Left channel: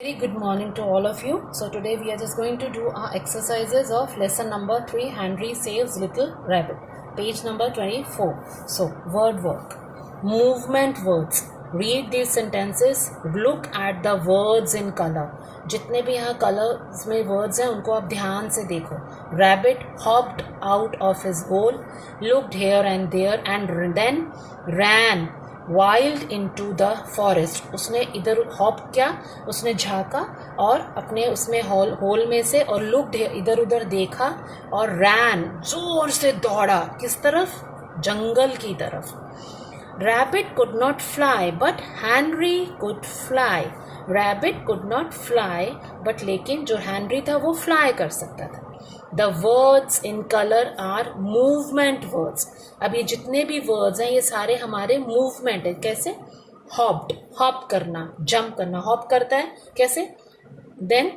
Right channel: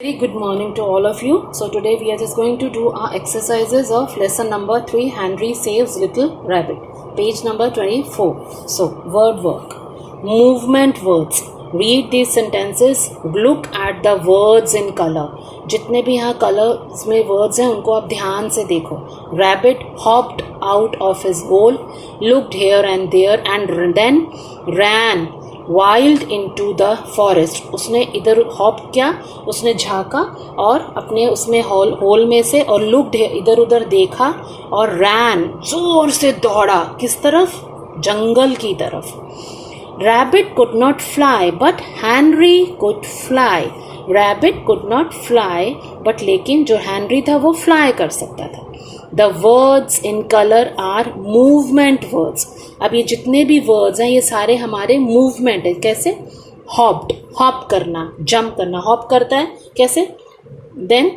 Very good morning to all of you. So today we are just going to do our exercises of lesson number 3, Henry Saves Little Rabbit, page number 24. So word work, movement words. Read these sentences, look at the words in color. जितने भी यहाँ colours में words हैं उनको आप ध्यान से देखो. Rabbit hopped out of his hole, looked here and there and then ran wild into the forest. उसने इधर हॉप किया, उसने झाँका और अपने उसमें होल में से और लुक्ड इधर उधर देखा और रैन जोर से दौड़ा. किस तरफ? जंगल की तरफ. Rabbit could not fly but Henry could fly. Rabbit could not fly but लेकिन जो हैनरी था वो फ्लाई कर सकता था. The words in colour are movement words. अब ये जितने भी वर्ड्स हैं ये सारे हमारे मूवमेंट है. कैसे? हॉप्ड, हॉप करना, जंप करना. हॉप करता है कैसे? देन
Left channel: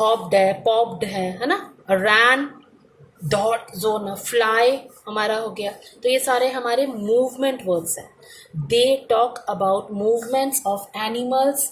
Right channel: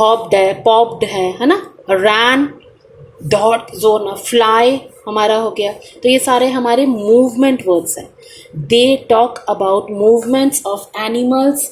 हॉप्ड है, पॉप्ड है ना. रैन, डॉट, जोन, फ्लाई हमारा हो गया. तो ये सारे हमारे मूवमेंट वर्ड्स हैं. They talk about movements of animals,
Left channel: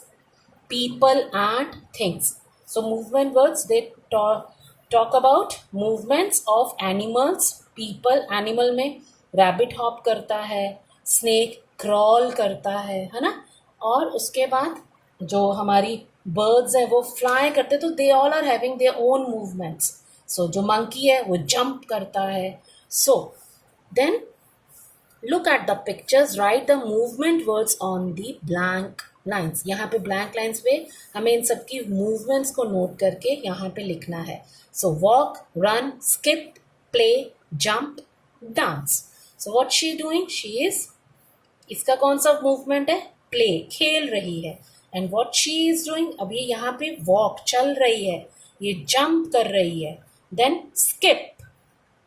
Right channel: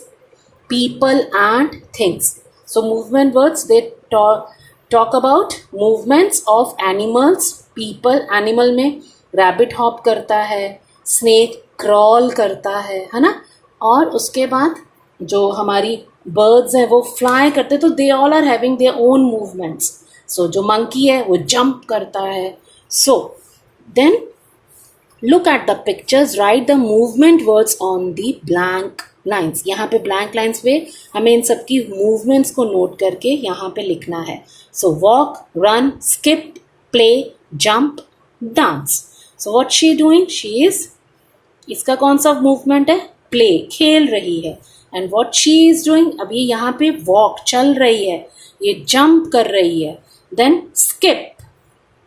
people and things. So movement words, they talk about movements of animals, people. Animal में rabbit hop करता है, snake crawl करता है ना. और उसके बाद जो हमारी birds हैं वो fly करते, तो they all are having their own movements. So जो monkey है वो jump करता है. So then look at the pictures, write the movement words on the blank lines. यहाँ पे ब्लैंक लाइन्स पे हमें इन सब की मूवमेंट्स को नोट करके यहाँ पे लिखना है. So walk, run, skip, play, jump, dance. So what she doing? She is, इसका कौन सा मूवमेंट है? प्ले, खेल रही है. And what she is doing? अब ये यहाँ पे वॉक, चल रही है, ये जंप कर रही है. Then skip,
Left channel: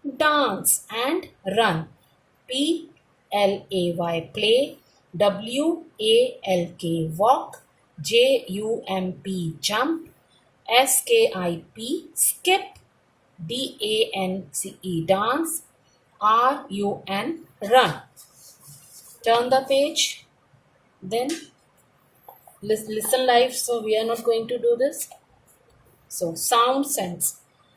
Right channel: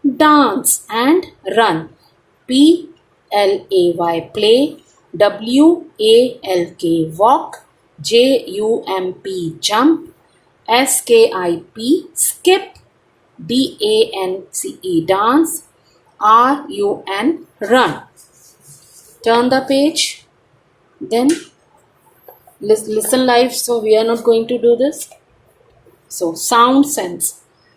dance and run. PLAY play, WALK walk, JUMP jump, SKIP skip, DANCE dance, RUN run. Turn the page. Then listen live. So we are not going to do this. So sound sense.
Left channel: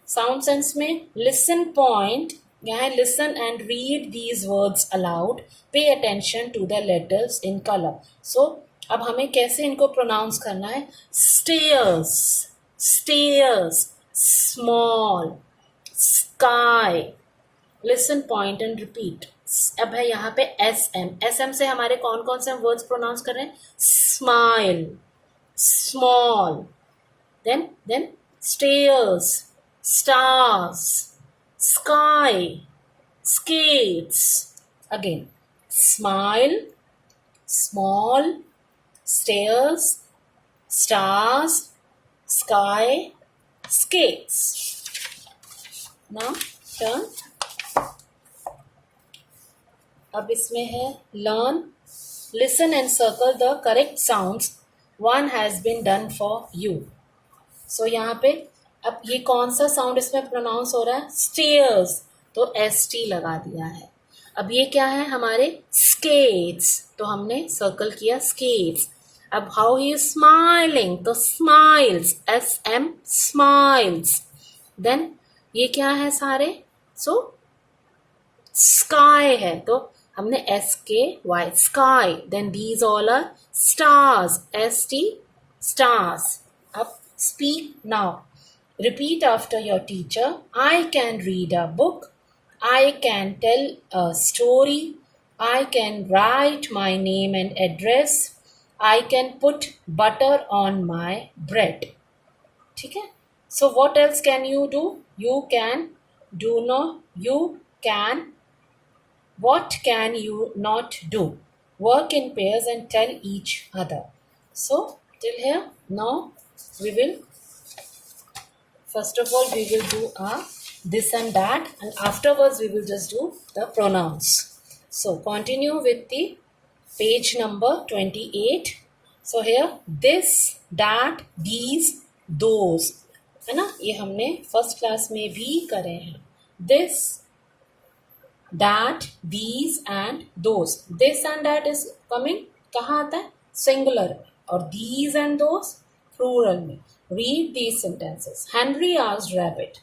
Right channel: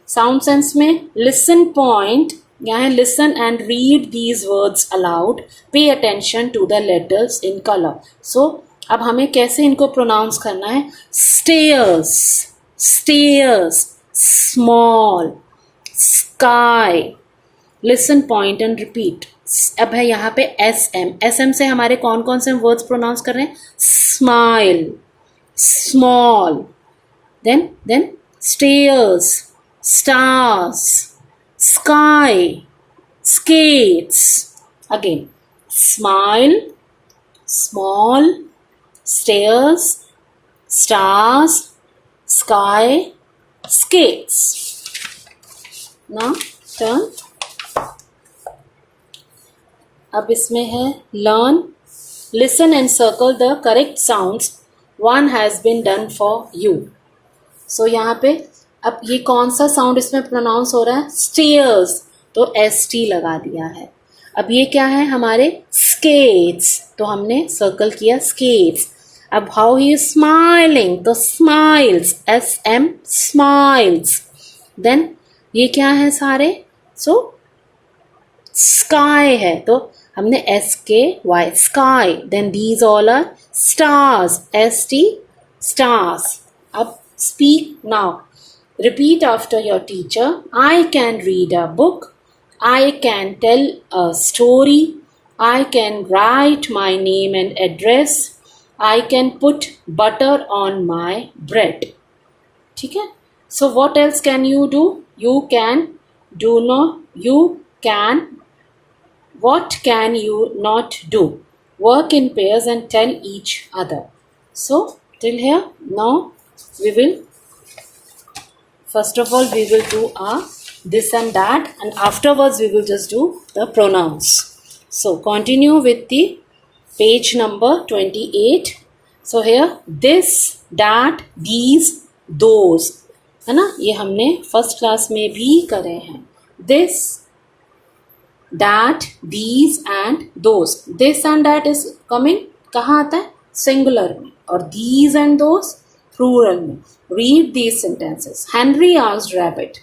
Sound sense में listen point. यहाँ listen and read these words aloud. Pay attention to the letters in color. So अब हमें कैसे इनको pronounce करना है? Stairs, stairs, small, sky. Listen, point and repeat. अब है यहाँ पे SM. SM से हमारे कौन कौन से वर्ड्स प्रोनाउंस कर रहे हैं? Smile, small. Then stairs, stars, sky, skates. Again, smile, small, stairs, stars, sky, skates. Now turn. अब इसमें है learn, listen and circle the correct sounds. One has been done for you. So यहाँ पे अब ये कौन सा साउंड इसमें प्रोनाउंस हो रहा है? स्टेयर्स, तो ST लगा दिया है. अब ये क्या है? हमारे स्केट्स, तो हमने सर्कल किया स्केट्स. अब हाउ ही इज स्माइलिंग, तो स्माइल्स, SM स्माइल्स. देन ये क्या है सारे? सो स्काई है, तो हमने SKY sky. Then these all are stars, ST stars. अब speak now. Repeat after your teacher. I can read a book. I can tell a story. I can write my name and address. I can put butter on my bread. ठीक है? So what else can you do? You can do no. You can. What can you not do? Work in pairs and tell each other. So till here. Now we will. First of all, we will do this and that, and afterwards we will just do the pronouns. So continue with the page number 28. So here, this, that, these, those, है ना. ये हमने first class में भी करे हैं. This, that, these and those. This and that is coming कहाँ आता है? सिंगुलर में. और these and those plural में. Read these sentences. Henry asked Rabbit,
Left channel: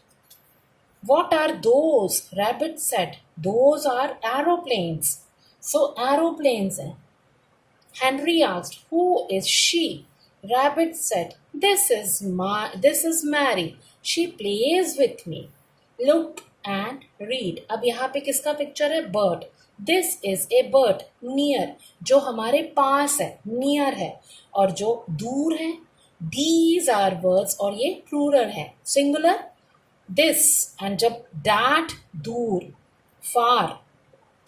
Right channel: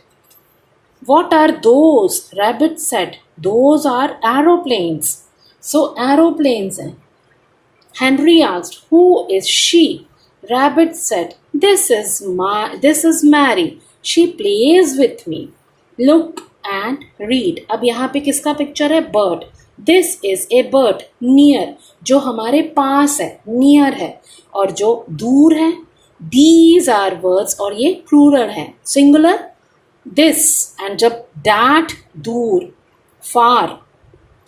what are those? Rabbit said, those are aeroplanes. So aeroplanes हैं. Henry asked, who is she? Rabbit said, this is Mary. She plays with me. Look and read. अब यहाँ पे किसका picture है? Bird. This is a bird. Near. जो हमारे पास है, near है. और जो दूर है, these are words. और ये plural है, singular. This. And जब that, दूर, far,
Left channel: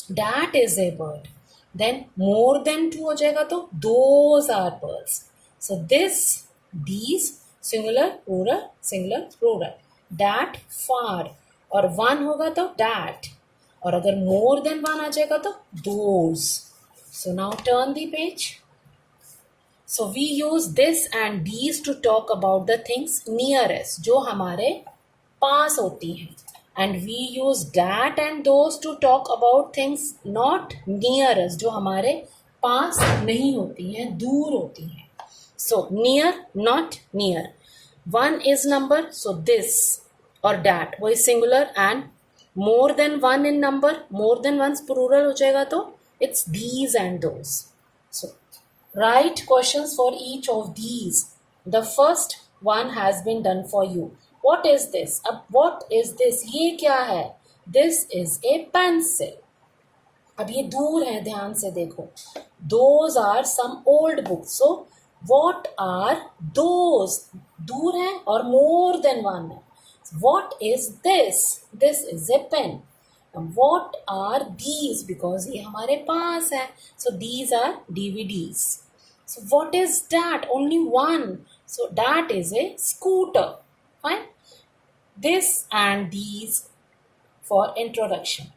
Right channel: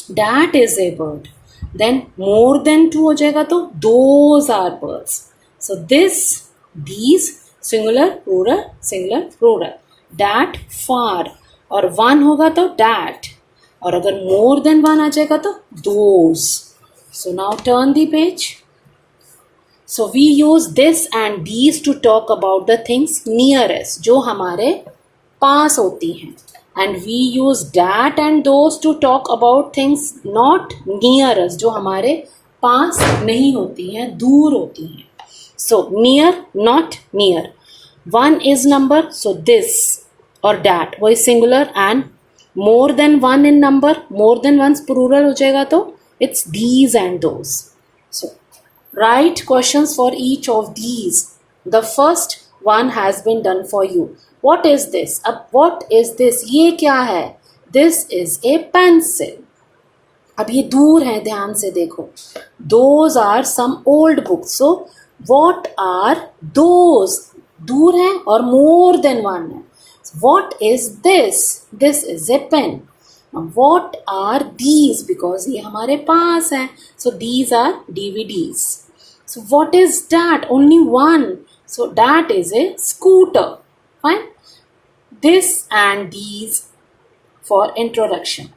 that is a bird. Then more than two हो जाएगा तो those are birds. So this, these, singular, plural. That, far. और one होगा तो that. और अगर more than one आ जाएगा तो those. So now turn the page. So we use this and these to talk about the things nearest, जो हमारे पास होती हैं. And we use that and those to talk about things not nearest, जो हमारे पास नहीं होती हैं, दूर होती हैं. So near, not near. One is number, so this or that वो singular, and more than one in number, more than one's plural हो जाएगा तो it's these and those. So write questions for each of these. The first one has been done for you. What is this? अब what is this? ये क्या है? This is a pencil. अब ये दूर है, ध्यान से देखो. Those are some old books. So what are those? दूर है और more than one है. What is this? This is a pen. What are these? Because ये हमारे पास है. So these are DVDs. So what is that? Only one. So that is a scooter. Fine. This and these for introduction.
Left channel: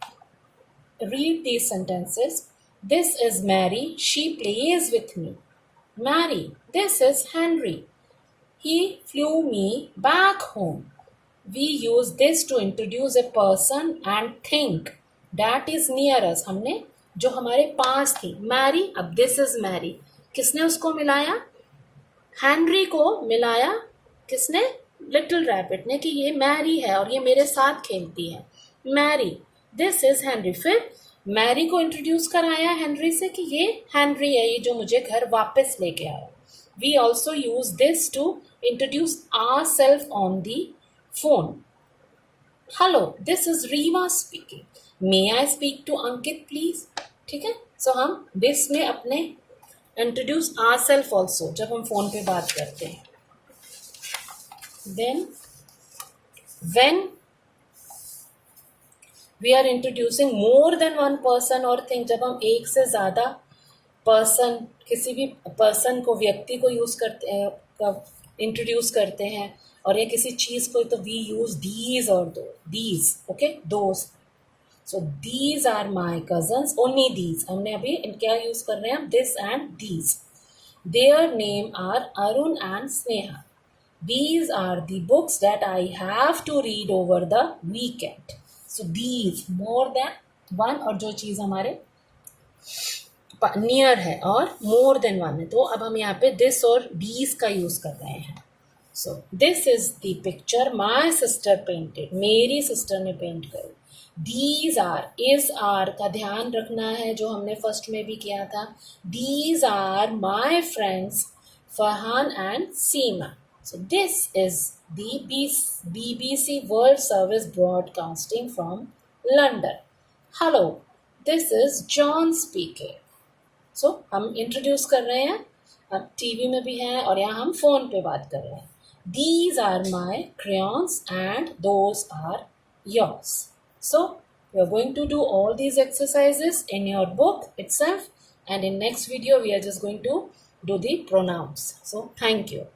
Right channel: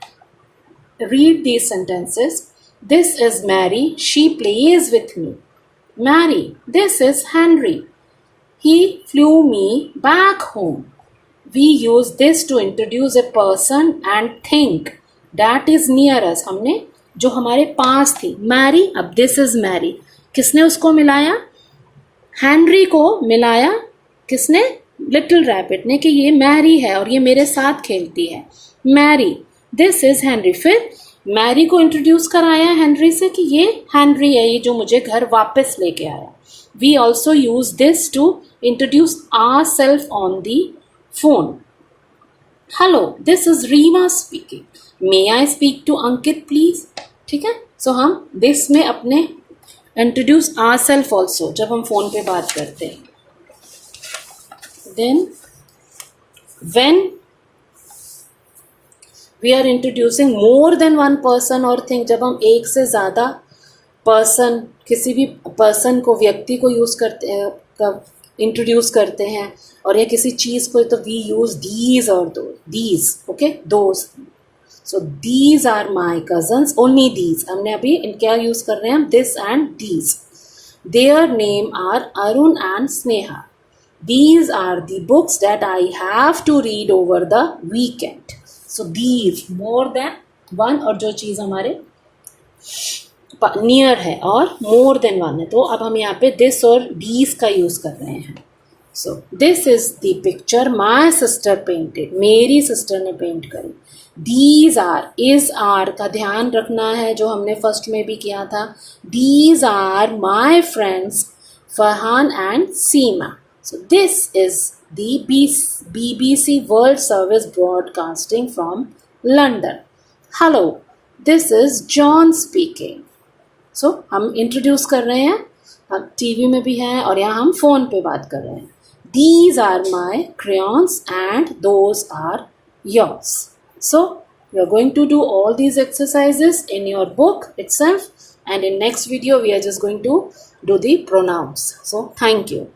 Read these sentences. This is Mary. She plays with me. Mary. This is Henry. He flew me back home. We use this to introduce a person and thing that is near us. हमने जो हमारे पास थी, Mary, अब this is Mary. किसने उसको मिलाया? Henry को मिलाया किसने? Little Rabbit ने, कि ये Mary है और ये मेरे साथ खेलती है. Mary, this is Henry. फिर Mary को इंट्रोड्यूस कराया Henry से कि ये Henry है, ये जो मुझे घर वापस लेके आया. We also use this to introduce ourselves on the phone. Hello, this is Reema speaking. May I speak to Ankit please? ठीक है. So हम this में अपने introduce ourselves also जब हम phone पे बात करते हैं. Then when we are introducing more than one person or thing, जब हम एक से ज़्यादा person, किसी भी person को, व्यक्ति को यूज़ करते हैं, इंट्रोड्यूस करते हैं, और या किसी चीज़ को, तो वी यूज़ दीज और दो, these, okay, those. So these are my cousins, only these. हमने अभी क्या यूज़ कर रहे हैं हम? This and these. Their name are Arun and Sneha. These are the books that I have to read over the weekend. So these, more than one, और जो चीज़ हमारे नियर है और मोर देन वन है, तो अब हम यहाँ पे दिस और दीज का यूज़ कर रहे हैं. सो this is the picture my sister painted. मेरी सिस्टर ने पेंट करी. दीज आर, इज आर का ध्यान रखना है, जो हमने फर्स्ट में भी किया था. These are my friends Farhan and Seema. So this is the BBC world service broadcasting from London. Hello, this is John speaking. So हम इंट्रोड्यूस कर रहे हैं, हम टीवी में भी हैं और यहाँ हम फ़ोन पे बात कर रहे हैं. These are my crayons and those are yours. So we are going to do all these exercises in your book itself, and in next video we are just going to do the pronouns. So thank you.